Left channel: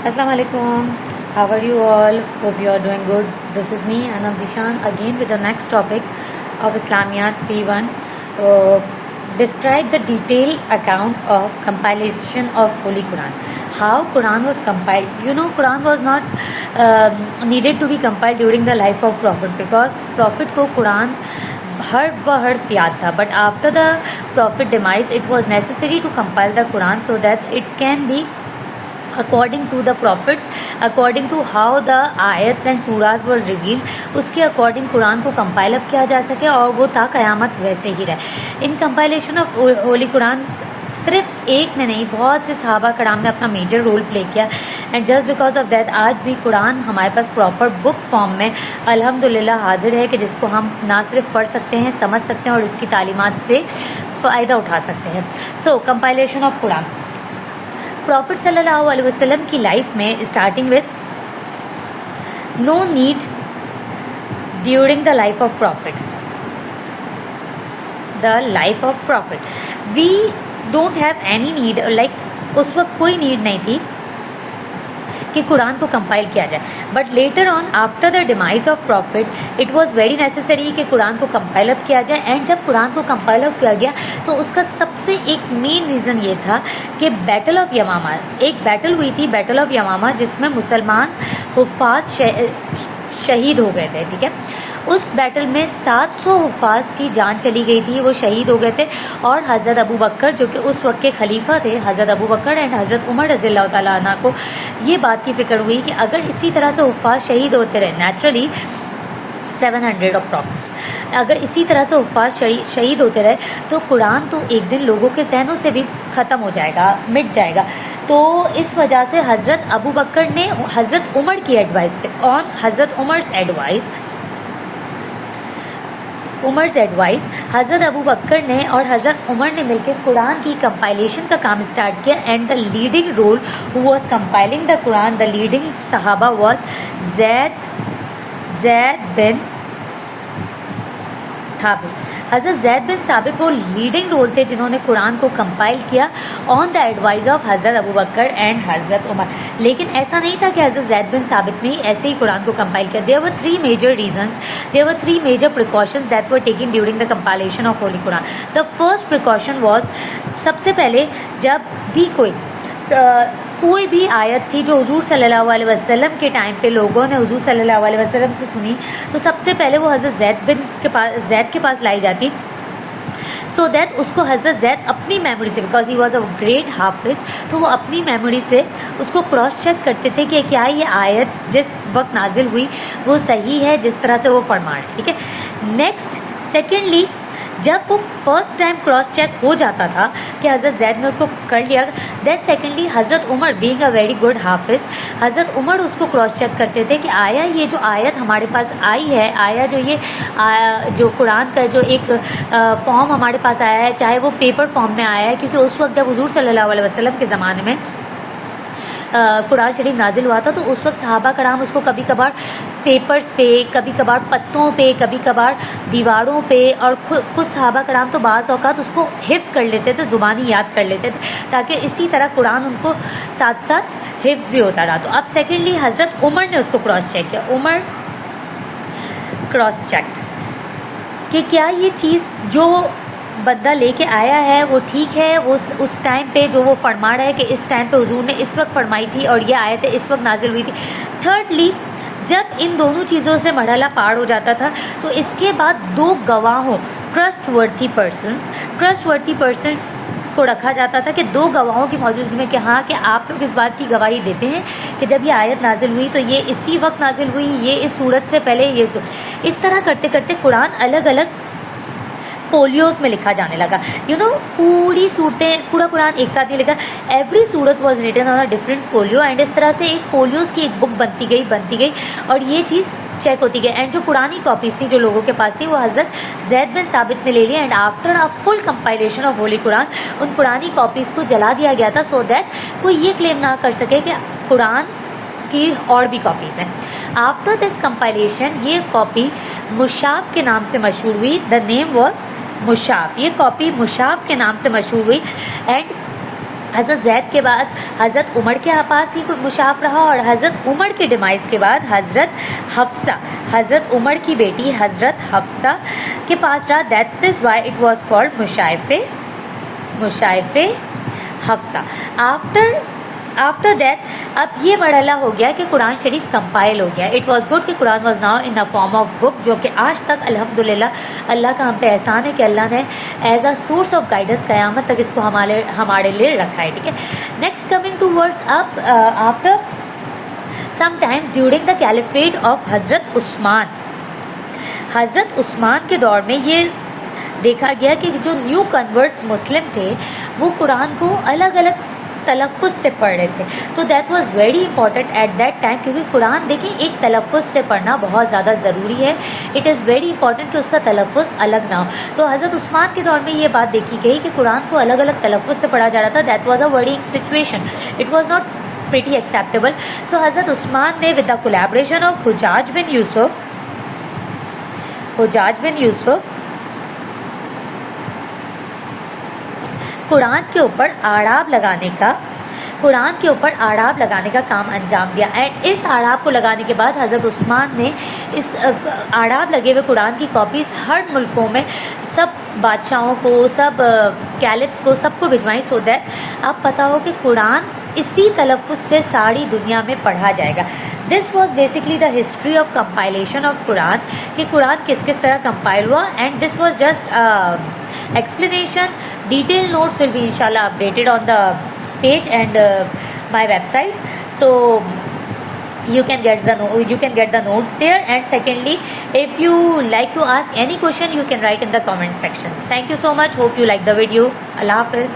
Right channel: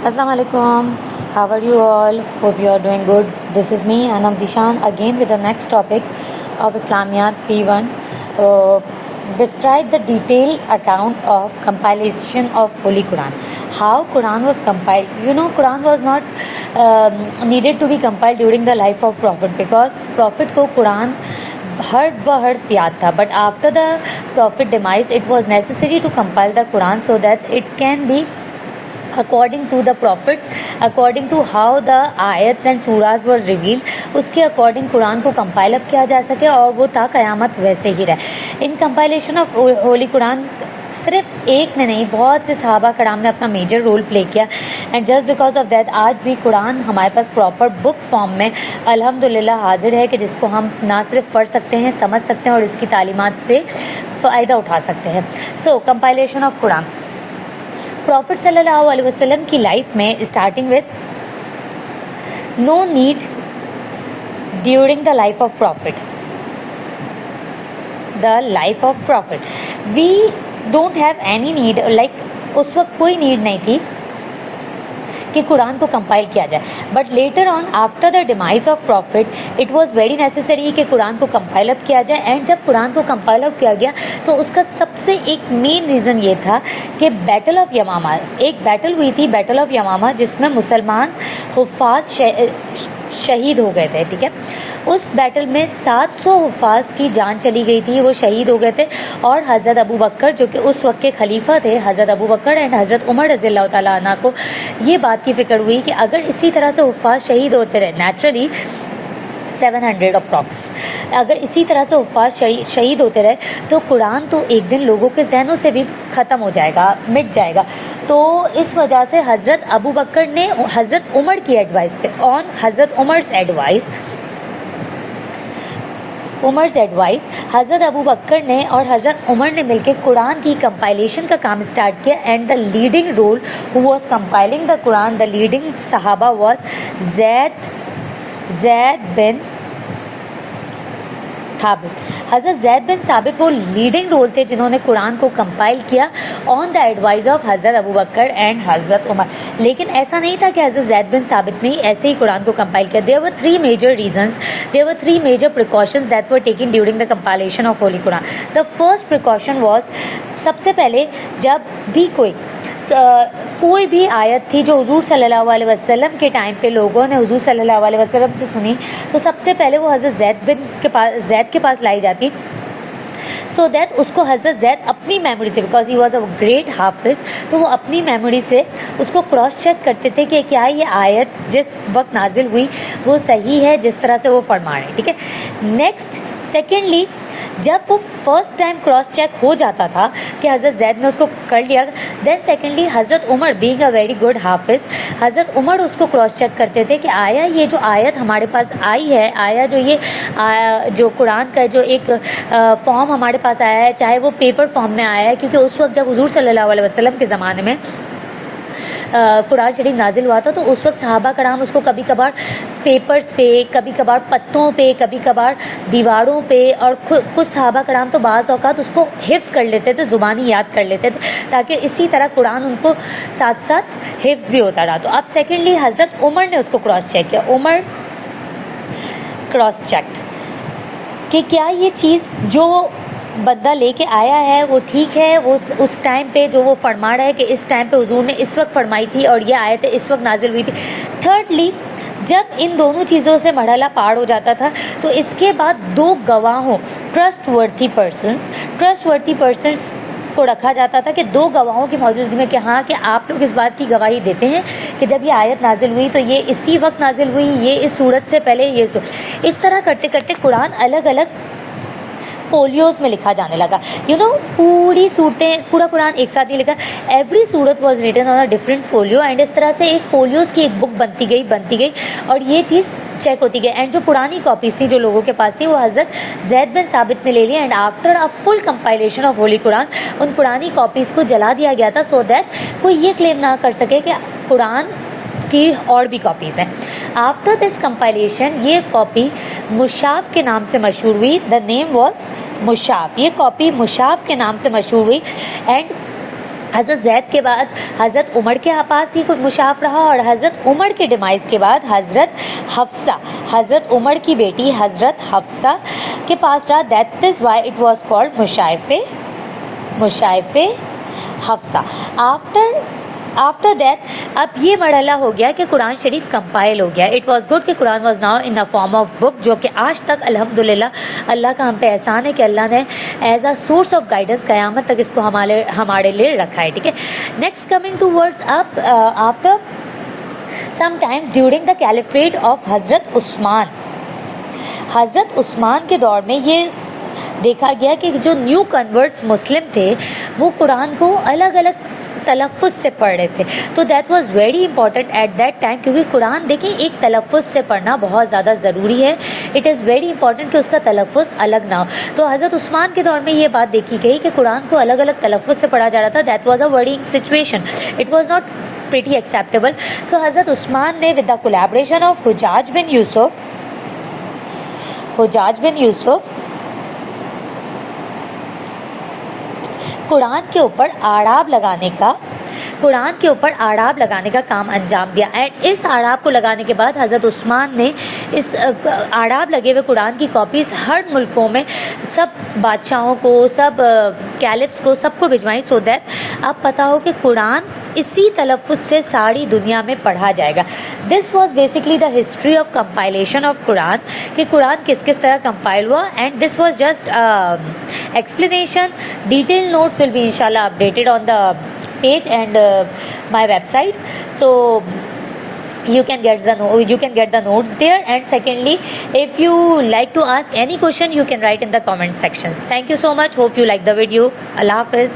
Assalamu alaikum. How are you all? Hope you are doing good. This is me, Anam Zishan, again with the next topic of Islamiyat P1. Describe the detailed account of compilation of Holy Quran. How Quran was compiled. Quran was not needed to be compiled during the life of Prophet, because Prophet ko Quran حرف بحرف یاد تھا. But after the prophet demise it was necessary to compile the Quran so that it can be according to the prophets, according to how the ayats and surahs were revealed, اس کے according قرآن کو compile up کیا جا سکے اور وہ تا قیامت ویسے ہی رہے. ان compilation of ہولی قرآن صرف ایک نے نہیں، بہت سے صحابہ کرام نے اپنا میجر رول پلے کیا. And just because of that آج بھی قرآن ہمارے پاس پراپر بک فارم میں الحمدللہ حاضر ہے، کہ جس کو ہم نہ صرف پڑھ سکتے ہیں، سمجھ سکتے ہیں اور اس کی تعلیمات سے فائدہ اٹھا سکتے ہیں. سو کمپائلیشن آف قرآن. پروفٹ صلی اللہ علیہ وسلم کی لائف میں starting with no need during the life of prophet. The life of prophet we don't have any need, like اس وقت کوئی نیڈ نہیں تھی کہ قرآن کو کمپائل کیا جائے. But later on after the demise of prophet it was very necessary کہ قرآن کو کمپائل اپ کیا جائے. اینڈ جب قرآن کو کمپائل اپ کیا گیا تو اس کا سب سے ایک مین ریزن یہ تھا کہ بیٹل آف یمامہ، ایک بیٹل ہوئی تھی، بیٹل آف یمامہ، جس میں مسلمان حفاظ شہید ہو گئے تھے. ٹھیک ہے، اس بیٹل میں 700 حفاظ کی جان چلی گئی تھی، وہ شہید ہو گئے تھے. اور حضرت ابو بکر جو کہ اس وقت کے خلیفہ تھے، حضرت ابو بکر اینڈ حضرت عمر رضی اللہ تعالیٰ عنہ کو یہ بات کی فکر ہوئی کہ اگر اسی طرح سے حفاظ شہید ہوتے رہے، نیچرلی 700 اپروکس، اگر اسی طرح سے حفاظ شہید ہوتے رہے تو قرآن تو ایک دن لوگوں کے ذہنوں سے بھی ختم ہو جائے گا، مٹ جائے گا. تو اس وجہ سے حضرت ابو بکر نے حضرت عمر کی ایڈوائس پہ، آن حضرت عمر's ایڈوائس حضرت ابو بکر نے اور حضرت عمر نے مل کے قرآن کی کمپائلیشن کا کام اسٹارٹ کیا. And the leading role who was compiling the Quran, the leading صحابہ واز زید بن ثابت. حضرت زید بن ثابت وہ لیڈنگ رول تھے جنہوں نے قرآن کو کمپائل کیا آن دا ایڈوائز آف حضرت ابو بکر اینڈ حضرت عمر. لیکن ایسا نہیں تھا کہ حضرت زید بن ثابت نے ایسے ہی قرآن کو کمپائل کیا. there were three major reasons, there were three major precautions that were taken during the compilation of Holy Quran. The first precaution was، سب سے پہلے جب بھی کوئی بھی آیت تھی جو حضور صلی اللہ علیہ وسلم کے ٹائم پہ لوگوں نے حضور صلی اللہ علیہ وسلم سے سنی، تو سب سے پہلے وہ حضرت زید کے پاس لائی جاتی، سو دیٹ اس کو حضرت زید اپنی میموری سے، because he was a great حافظ، تو وہ اپنی میموری سے اس کو کراس چیک کرتے تھے کہ کیا یہ آیت جس وقت نازل ہوئی وہ صحیح ہے جس طرح سے وہ فرما رہے. ٹھیک ہے. نیکسٹ، سیکنڈلی، جب وہ فرسٹ ٹائم کراس چیک ہو جاتا تھا کہ حضرت زید نے اس کو کر لیا، دین سیکنڈلی حضرت عمر بینگ اے ویری گڈ حافظ، حضرت عمر اس کو کراس چیک کرتے تھے کہ آیا یہ جو آیت ہمارے پاس آئی ہے، آیا جو یہ جو قرآن کا جو ایک فارم ہمارے پاس آیا ہے، چاہے وہ پیپر فارم میں آیا ہے، کیونکہ اس وقت جب حضور صلی اللہ علیہ وسلم کے زمانے میں قرآن شریف نازل ہوا تھا تو اس وقت صحابہ کرام اس کو کبھی کبھار پیپرز پہ، کبھی کبھار پتوں پہ، کبھی کبھار دیواروں پہ، اور کچھ صحابہ کرام تو بعض اوقات اس کو حفظ کر لیتے تھے، زبانی یاد کر لیتے تھے، تاکہ اسی طرح قرآن ان کو ساتھ ساتھ حفظ بھی ہوتا رہا. تو اب سیکنڈلی حضرت عمر نے اس کو کراس چیک کیا. عمر کراس چیک کہ کیا یہ چیز جو بندہ لے کے آیا ہے وہ ٹھیک ہے، وہ اس ٹائم پہ جو وہ فرما رہا ہے کہ اس ٹائم پہ حضور نے اس وقت فرمائی تھی اور یہ آیت اس وقت نازل ہوئی تھی. تھرڈلی، جب ان دونوں چیزوں سے مرحلہ پار ہو جاتا تھا تو اس کے بعد دو گواہوں، ٹرسٹ ورتھی پرسنس کو رکھا جاتا تھا، کہ دو گواہوں کی موجودگی میں کہ ہاں کہ آپ لوگ اس بات کی گواہی دیتے ہیں کہ جب یہ آیت نازل ہوئی تو یہ اسی وقت نازل ہوئی، یہ اس صورت سے پہلے یہ اس طرح کرتے کرتے قرآن الگ الگ فولیوز میں لکھا جانے لگا. پوری صورتیں، پورا قرآن ایک ساتھ نہیں لکھا، ایوری صورت was written on a different folio, and اس طرح سے ایک فولیوز کی ایک بک بنتی گئی اور یہ چیز چیک ہوتی گئی. اینڈ جو پرانی کاپیز تھیں جو لوگوں کے پاس تھی وہ حضرت زید بن ثابت نے لے لی. And after a full compilation of holy قرآن ان پرانی کاپیز کو جلا دیا گیا تھا، سو دیٹ کوئی یہ کلیم نہ کر سکے کہ قرآن کی اور بھی کاپیز ہیں. آفٹر دس کمپائلیشن یہ کاپی مصحف کے نام سے مشہور ہوئی. دا نیم واز مصحف. یہ کاپی مصحف کے نام سے مشہور ہوئی. اینڈ حضرت زید کے بعد حضرت عمر کے پاس ہی مشاف رہا، اور حضرت عمر کے ڈیمائز کے بعد حضرت عمر کی بیٹی حضرت حفصہ کے پاس رہا. That is why it was called مشائف حفصہ. آفٹر دیٹ اب یہ مرحلہ ہو گیا کہ قرآن شریف کمپائل ہو گیا. اٹ واز گڈ کہ قرآن was now in form of book, جو کہ آج تک الحمدللہ اللہ کا ہم پہ احسان ہے کہ اللہ نے as a source of guidance قیامت تک اس کو ہمارے لیے رکھا ہے. ٹھیک ہے. Next coming to words up after some times during the caliphate of حضرت عثمان کے دور میں یہ دیکھا گیا کہ جو نیو کنورٹس مسلم تھے وہ قرآن کو الگ الگ تلفظ سے پڑھ رہے تھے. تو that was very important at that time, کیونکہ قرآن دیکھیں ایک تلفظ سے پڑھنا بہت زیادہ ضروری ہے. اٹ از ویری امپورٹنٹ کہ اس کا تلفظ الگ نہ ہو. تو حضرت عثمان کے دور میں یہ بات دیکھی گئی کہ قرآن کو الگ الگ تلفظ سے پڑھا جا رہا تھا. That was a wording situation. It was not pretty acceptable. So حضرت عثمان نے with the collaboration of حجاج بن یوسف قرآن کے اوپر آڑاب لگانے کا کام انجام دیا. اینڈ اس آڑاب کو لگانے کے بعد حضرت عثمان نے اس آڑاب لگے ہوئے قرآن کی کاپیز ہر ملکوں میں سب بادشاہوں کو، سب کیلفس کو، سب کو بھجوائیں، سو دیٹ آپ پتہ ہو کہ قرآن اسی تلفظ سے ساری دنیا میں پڑھا جائے گا. This was basically the history of compilation of قرآن، کہ قرآن کس طرح کمپائل ہوا. And this was just explanation. Detail notes will be انشاءاللہ updated on the page and my website, so you can get the notes there. And secondly, if you like to ask any question, you can write in the comment section. Thank you so much. Hope you like the video. Allah Hafiz.